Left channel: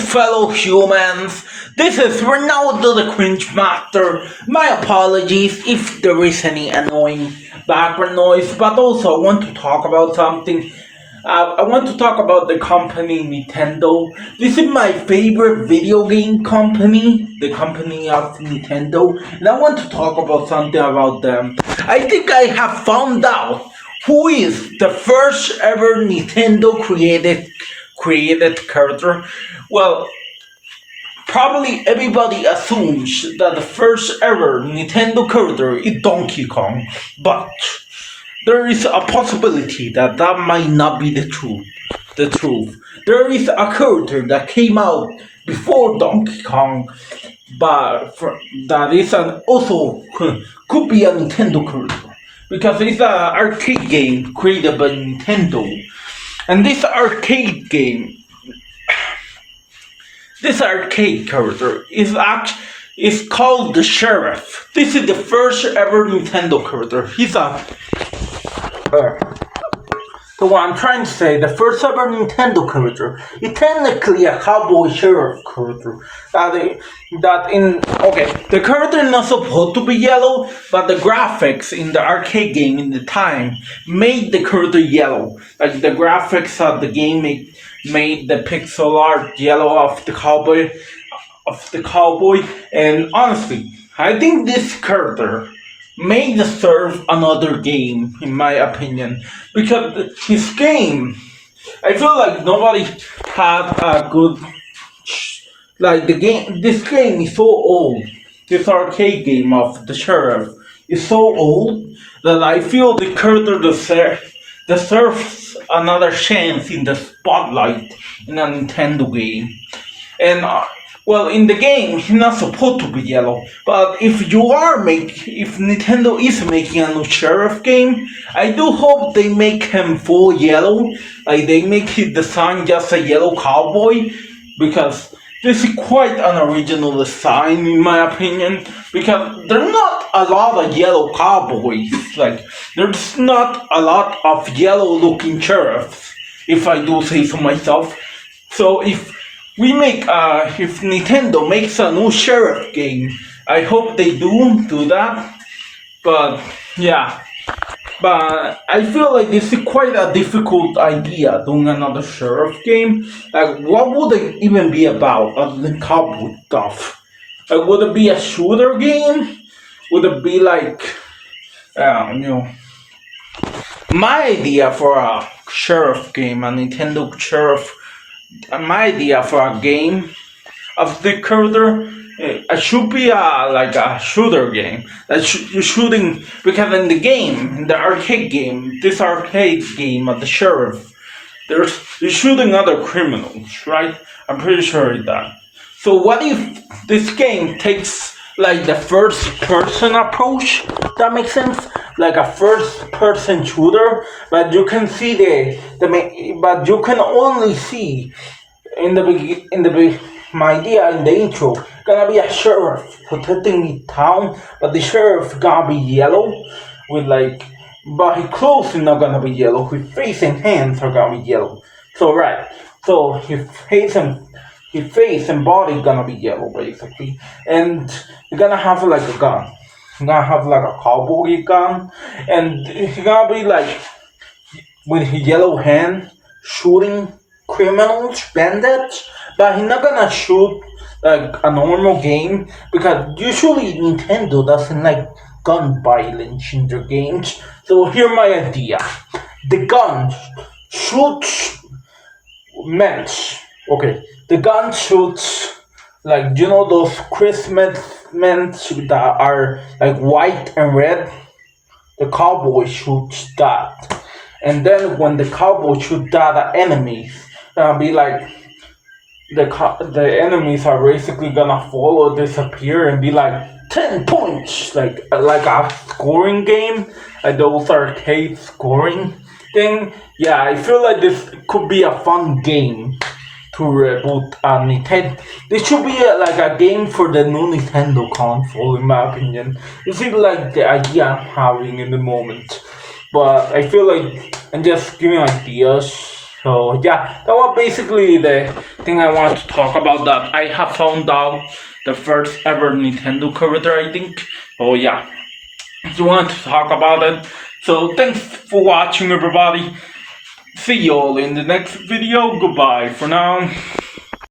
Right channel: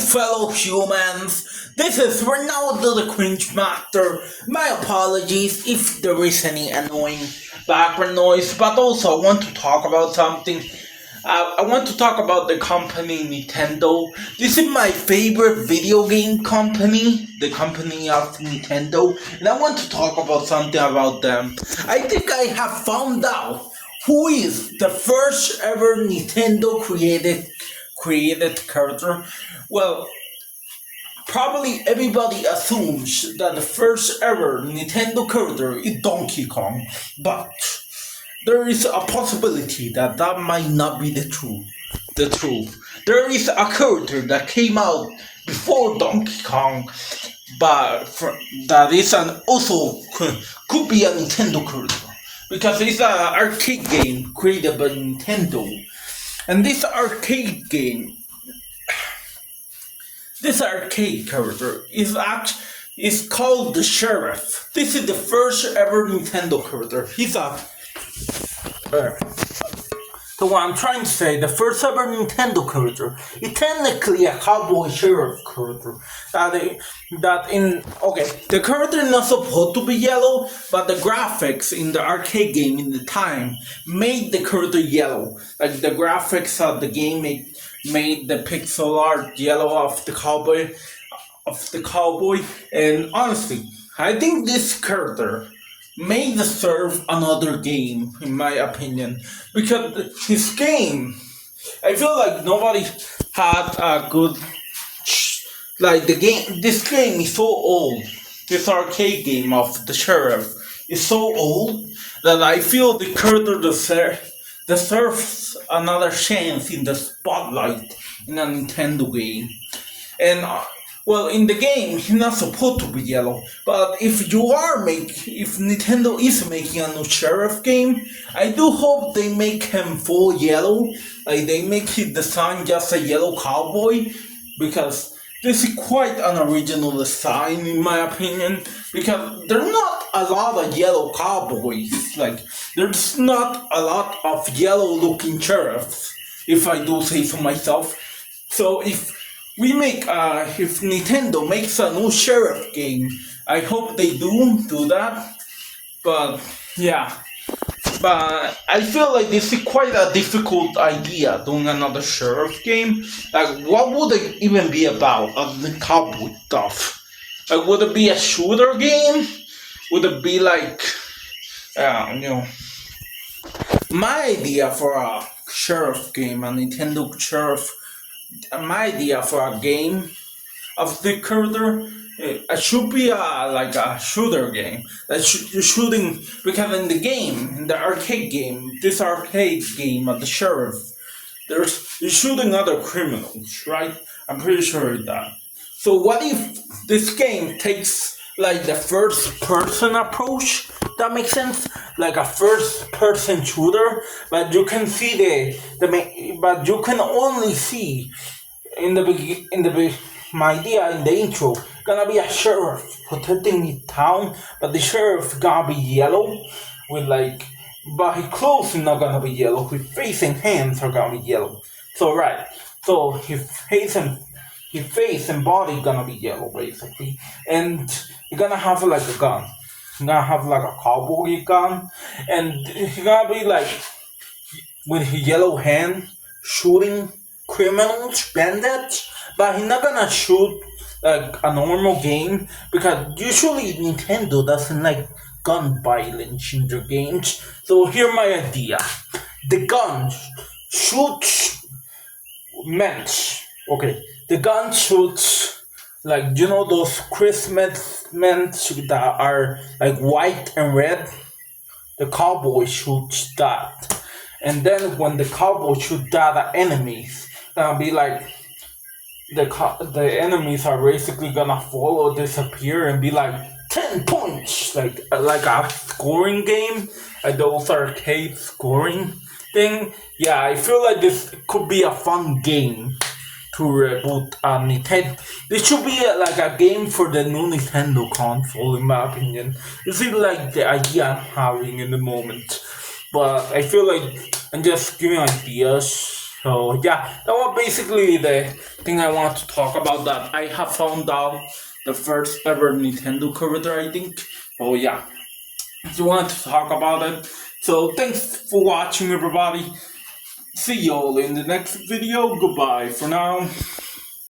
fellow humans. This is Ronaldo the Cringe Master. My apologies if there is any annoying background noise, but also I want to talk about something. I want to talk about the company Nintendo. This is my favorite video game company, the company of Nintendo, and I want to talk about something about them. I think I have found out who is the first ever Nintendo created character. Well, probably everybody assumes that the first ever Nintendo character is Donkey Kong, but there is a possibility that that might not be the truth. There is a character that came out before Donkey Kong, but that is also could be a Nintendo character because it's an arcade game created by Nintendo, and this arcade character is called the Sheriff. This is the first ever Nintendo character. He's so what I'm trying to say, the first ever Nintendo character is technically a cowboy sheriff character. The character is not supposed to be yellow, but the graphics in the arcade game in the time made the character yellow. Like the graphics of the game made the pixel art yellow of the cowboy. And honestly, I think this character may deserve another game, in my opinion, because his game, I feel like nobody had a good, like the game. This game is so old. This arcade game of the sheriff is so old that I feel the character deserves another chance in the spotlight in a Nintendo game. And well, in the game, he's not supposed to be yellow. But if Nintendo is making a new sheriff game, I do hope they make him full yellow. Like they make his design just a yellow cowboy, because this is quite an original design in my opinion. Because there's not a lot of yellow cowboys. Like there's not a lot of yellow-looking sheriffs, if I do say so myself. So if Nintendo makes a new sheriff game, I hope they do that. But yeah, but I feel like this is quite a difficult idea, doing another sheriff game. Like, what would it even be about other than cowboy stuff? Like, would it be a shooter game? Would it be like, my idea for a sheriff game, a Nintendo sheriff. My idea for a game of the character, it should be like a shooter game. You're shooting, because in the game, in the arcade game, this arcade game of the sheriff, you're shooting other criminals, right? I'm pretty sure of that. So what if this game takes like the first person approach? That makes sense, like a first person shooter, but you can see but you can only see my idea in the intro gonna be a sheriff protecting the town, but the sheriff gonna be yellow but his clothes is not gonna be yellow, his face and hands are gonna be yellow. So his face and body gonna be yellow basically, and you're gonna have like a gun. You're gonna have like a cowboy gun, and he's gonna be like with his yellow hand shooting criminals, bandits, but he's not gonna shoot like a normal game, because usually Nintendo doesn't like gun violence in their games. So here's my idea: the gun shoots men. Okay, the gun shoots like, those Christmas men that are like white and red. The cowboy shoots that, and then when the cowboy shoots that at enemies, be like the enemies are basically gonna fall or disappear and be like 10 points, like a scoring game, like those arcade scoring thing. Yeah, I feel like this could be a fun game to reboot Nintendo. This should be like a game for the new Nintendo console, in my opinion. This is like the idea I'm having in the moment, but I feel like I'm just giving ideas So yeah, that was basically the thing I want to talk about. That I have found out the first ever Nintendo character, I think. So yeah, just want to talk about it. So thanks for watching, everybody. See you all in the next video. Goodbye for now.